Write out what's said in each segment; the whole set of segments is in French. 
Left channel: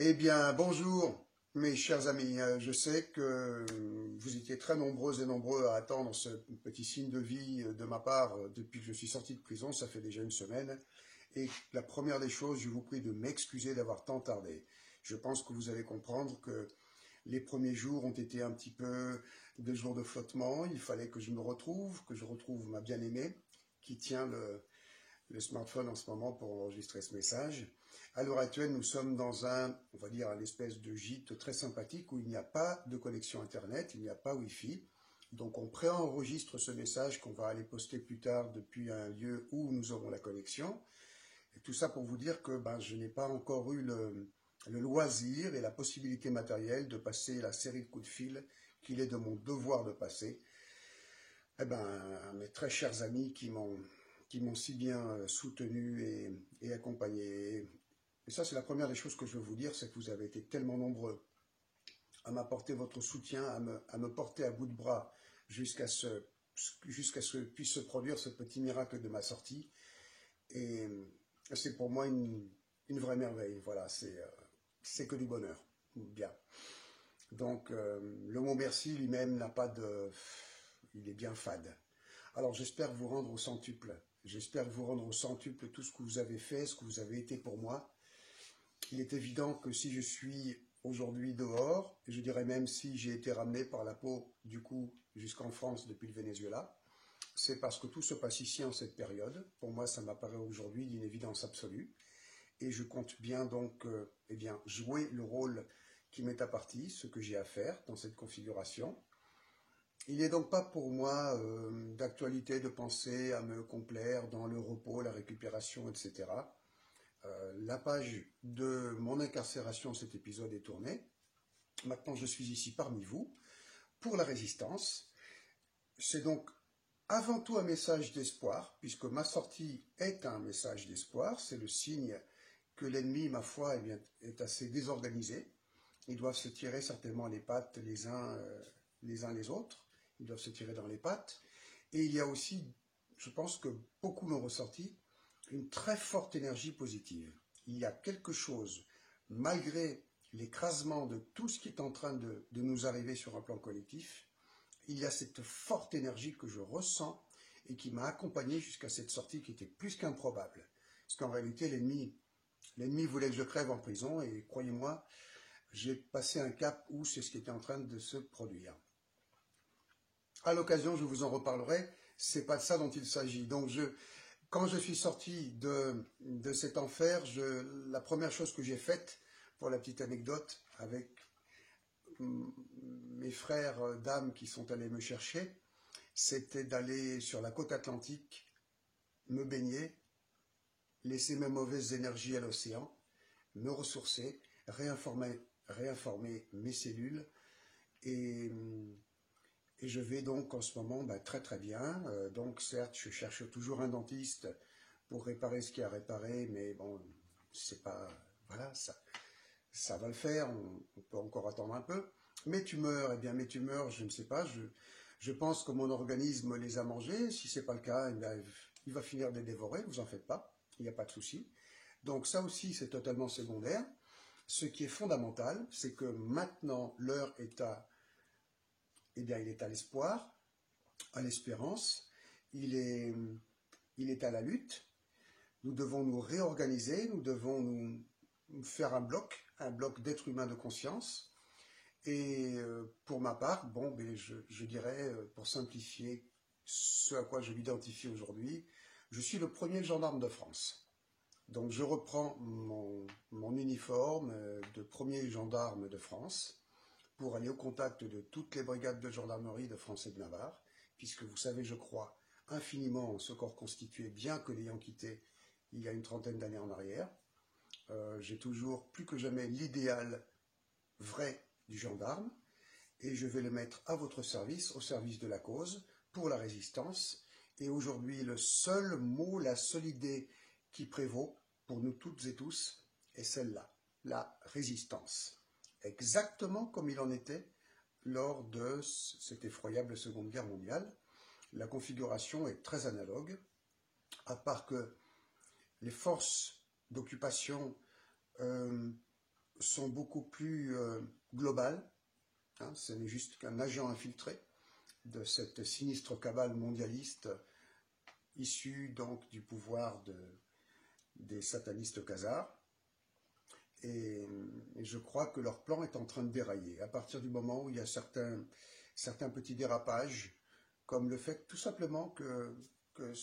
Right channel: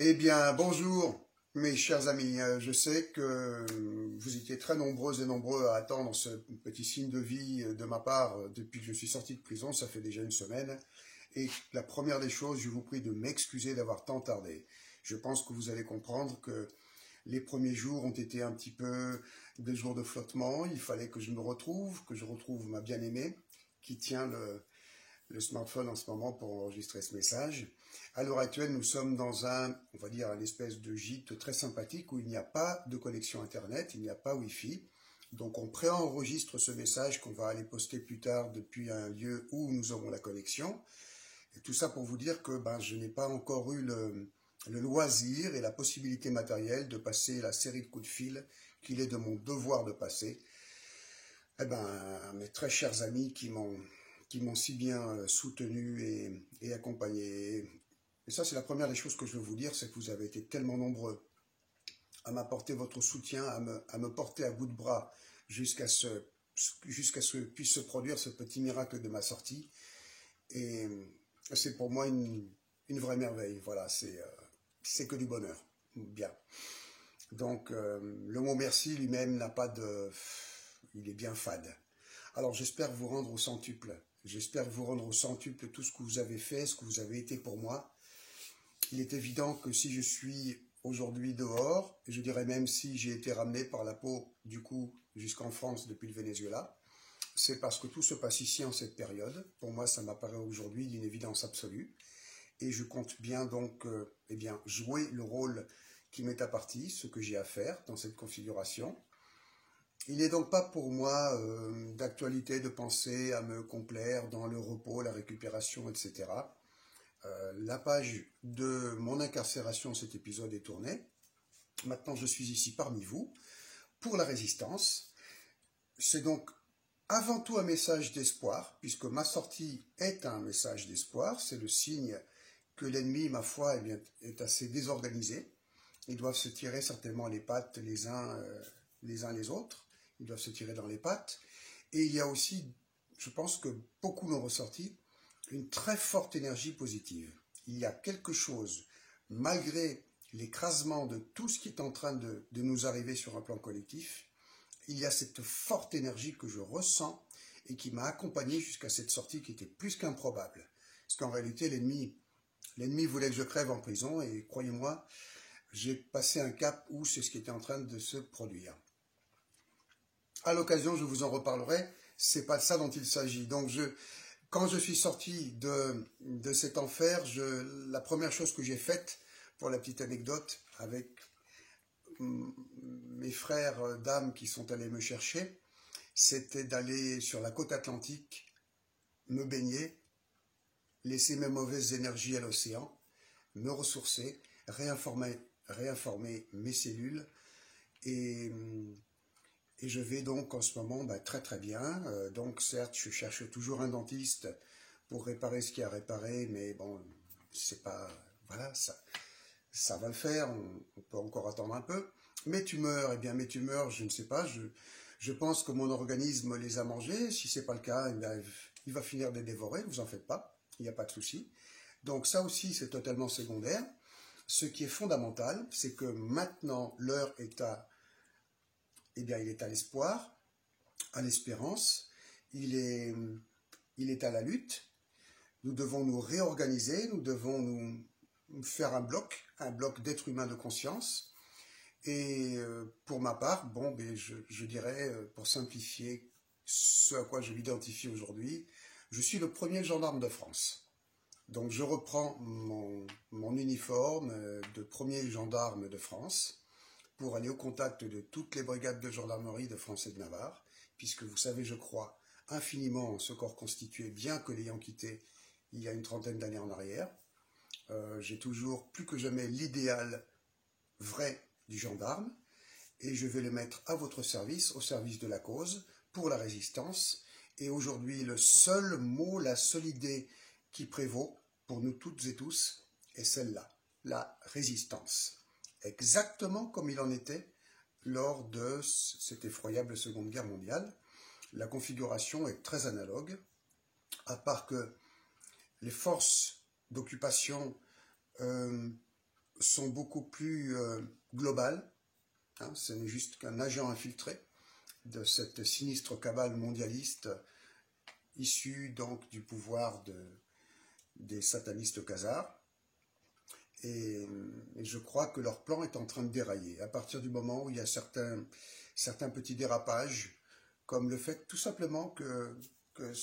Eh bien, bonjour mes chers amis. Je sais que vous étiez très nombreuses et nombreux à attendre ce petit signe de vie de ma part depuis que je suis sorti de prison. Ça fait déjà une semaine. Et la première des choses, je vous prie de m'excuser d'avoir tant tardé. Je pense que vous allez comprendre que les premiers jours ont été un petit peu des jours de flottement. Il fallait que je me retrouve, que je retrouve ma bien-aimée qui tient le smartphone en ce moment pour enregistrer ce message. À l'heure actuelle, nous sommes dans on va dire, un espèce de gîte très sympathique où il n'y a pas de connexion Internet, il n'y a pas Wi-Fi. Donc on préenregistre ce message qu'on va aller poster plus tard depuis un lieu où nous aurons la connexion. Et tout ça pour vous dire que je n'ai pas encore eu le loisir et la possibilité matérielle de passer la série de coups de fil qu'il est de mon devoir de passer. Eh ben, mes très chers amis qui m'ont si bien soutenu et accompagné. Et ça, c'est la première des choses que je veux vous dire, c'est que vous avez été tellement nombreux à m'apporter votre soutien, à me porter à bout de bras jusqu'à ce que puisse se produire ce petit miracle de ma sortie. Et c'est pour moi une vraie merveille. Voilà, c'est que du bonheur. Bien. Donc, le mot merci lui-même n'a pas de... Il est bien fade. Alors, j'espère vous rendre au centuple. J'espère vous rendre au centuple tout ce que vous avez fait, ce que vous avez été pour moi. Il est évident que si je suis aujourd'hui dehors, et je dirais même si j'ai été ramené par la peau du cou jusqu'en France depuis le Venezuela, c'est parce que tout se passe ici en cette période. Pour moi, ça m'apparaît aujourd'hui d'une évidence absolue. Et je compte bien donc jouer le rôle qui m'est apparti, ce que j'ai à faire dans cette configuration. Il n'est donc pas pour moi d'actualité de penser à me complaire dans le repos, la récupération, etc. La page de mon incarcération, cet épisode est tournée. Maintenant, je suis ici parmi vous pour la résistance. C'est donc avant tout un message d'espoir, puisque ma sortie est un message d'espoir. C'est le signe que l'ennemi, ma foi, est assez désorganisé. Ils doivent se tirer certainement les pattes les uns les autres. Ils doivent se tirer dans les pattes. Et il y a aussi, je pense que beaucoup l'ont ressorti, une très forte énergie positive. Il y a quelque chose, malgré l'écrasement de tout ce qui est en train de nous arriver sur un plan collectif, il y a cette forte énergie que je ressens et qui m'a accompagné jusqu'à cette sortie qui était plus qu'improbable. Parce qu'en réalité, l'ennemi voulait que je crève en prison et croyez-moi, j'ai passé un cap où c'est ce qui était en train de se produire. À l'occasion, je vous en reparlerai, c'est pas de ça dont il s'agit. Donc quand je suis sorti de cet enfer, la première chose que j'ai faite, pour la petite anecdote, avec mes frères dames qui sont allés me chercher, c'était d'aller sur la côte atlantique, me baigner, laisser mes mauvaises énergies à l'océan, me ressourcer, réinformer mes cellules et je vais donc en ce moment très très bien. Donc certes, je cherche toujours un dentiste pour réparer ce qu'il y a à réparer, mais bon, c'est pas... Voilà, ça va le faire, on peut encore attendre un peu. Mes tumeurs, eh bien mes tumeurs, je ne sais pas, je pense que mon organisme les a mangées. Si ce n'est pas le cas, eh bien, il va finir de les dévorer, vous en faites pas, il n'y a pas de souci. Donc ça aussi, c'est totalement secondaire. Ce qui est fondamental, c'est que maintenant, l'heure est il est à l'espoir, à l'espérance, il est à la lutte. Nous devons nous réorganiser, nous devons nous faire un bloc d'êtres humains de conscience. Et pour ma part, je dirais, pour simplifier ce à quoi je m'identifie aujourd'hui, je suis le premier gendarme de France. Donc je reprends mon uniforme de premier gendarme de France pour aller au contact de toutes les brigades de gendarmerie de France et de Navarre, puisque vous savez, je crois infiniment en ce corps constitué, bien que l'ayant quitté il y a une trentaine d'années en arrière. J'ai toujours plus que jamais l'idéal vrai du gendarme, et je vais le mettre à votre service, au service de la cause, pour la résistance. Et aujourd'hui, le seul mot, la seule idée qui prévaut pour nous toutes et tous est celle-là, la résistance. Exactement comme il en était lors de cette effroyable Seconde Guerre mondiale. La configuration est très analogue, à part que les forces d'occupation sont beaucoup plus globales. Hein, ce n'est juste qu'un agent infiltré de cette sinistre cabale mondialiste issue donc du pouvoir des satanistes khazars. Et je crois que leur plan est en train de dérailler. À partir du moment où il y a certains petits dérapages, comme le fait tout simplement que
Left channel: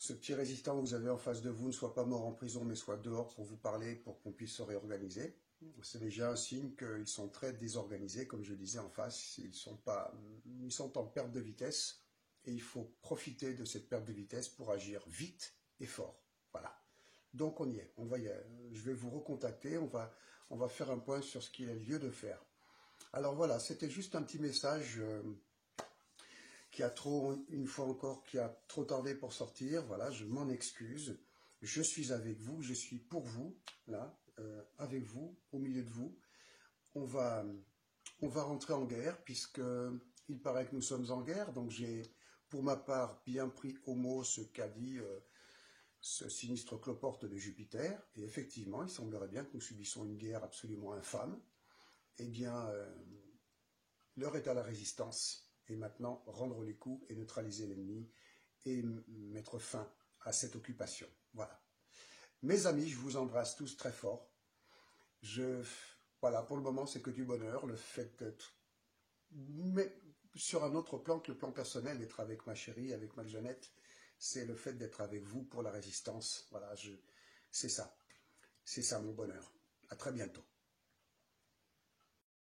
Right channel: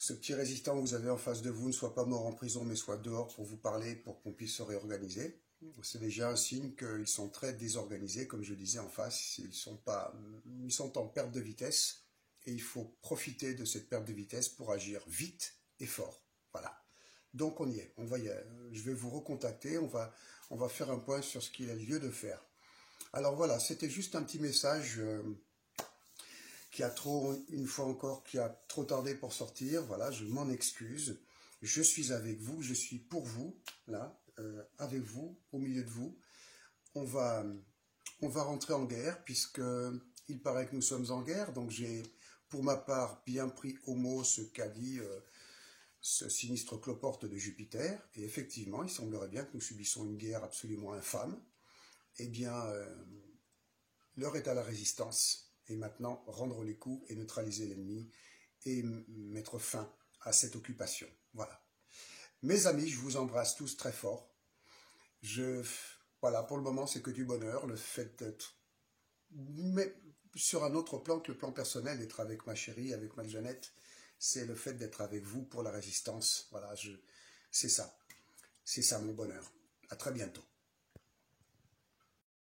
ce petit résistant que vous avez en face de vous ne soit pas mort en prison, mais soit dehors pour vous parler, pour qu'on puisse se réorganiser. C'est déjà un signe qu'ils sont très désorganisés, comme je disais en face, ils sont en perte de vitesse, et il faut profiter de cette perte de vitesse pour agir vite et fort. Voilà. Donc on y est, je vais vous recontacter, on va faire un point sur ce qu'il y a lieu de faire. Alors voilà, c'était juste un petit message une fois encore, qui a trop tardé pour sortir. Voilà, je m'en excuse. Je suis avec vous, je suis pour vous, là, avec vous, au milieu de vous. On va rentrer en guerre, puisque il paraît que nous sommes en guerre. Donc j'ai, pour ma part, bien pris au mot ce qu'a dit ce sinistre cloporte de Jupiter. Et effectivement, il semblerait bien que nous subissons une guerre absolument infâme. Eh bien, l'heure est à la résistance. Et maintenant, rendre les coups et neutraliser l'ennemi et mettre fin à cette occupation. Voilà. Mes amis, je vous embrasse tous très fort. Voilà, pour le moment, c'est que du bonheur, le fait d'être... Mais sur un autre plan que le plan personnel, d'être avec ma chérie, avec ma Jeannette, c'est le fait d'être avec vous pour la résistance. Voilà, c'est ça. C'est ça mon bonheur. À très bientôt.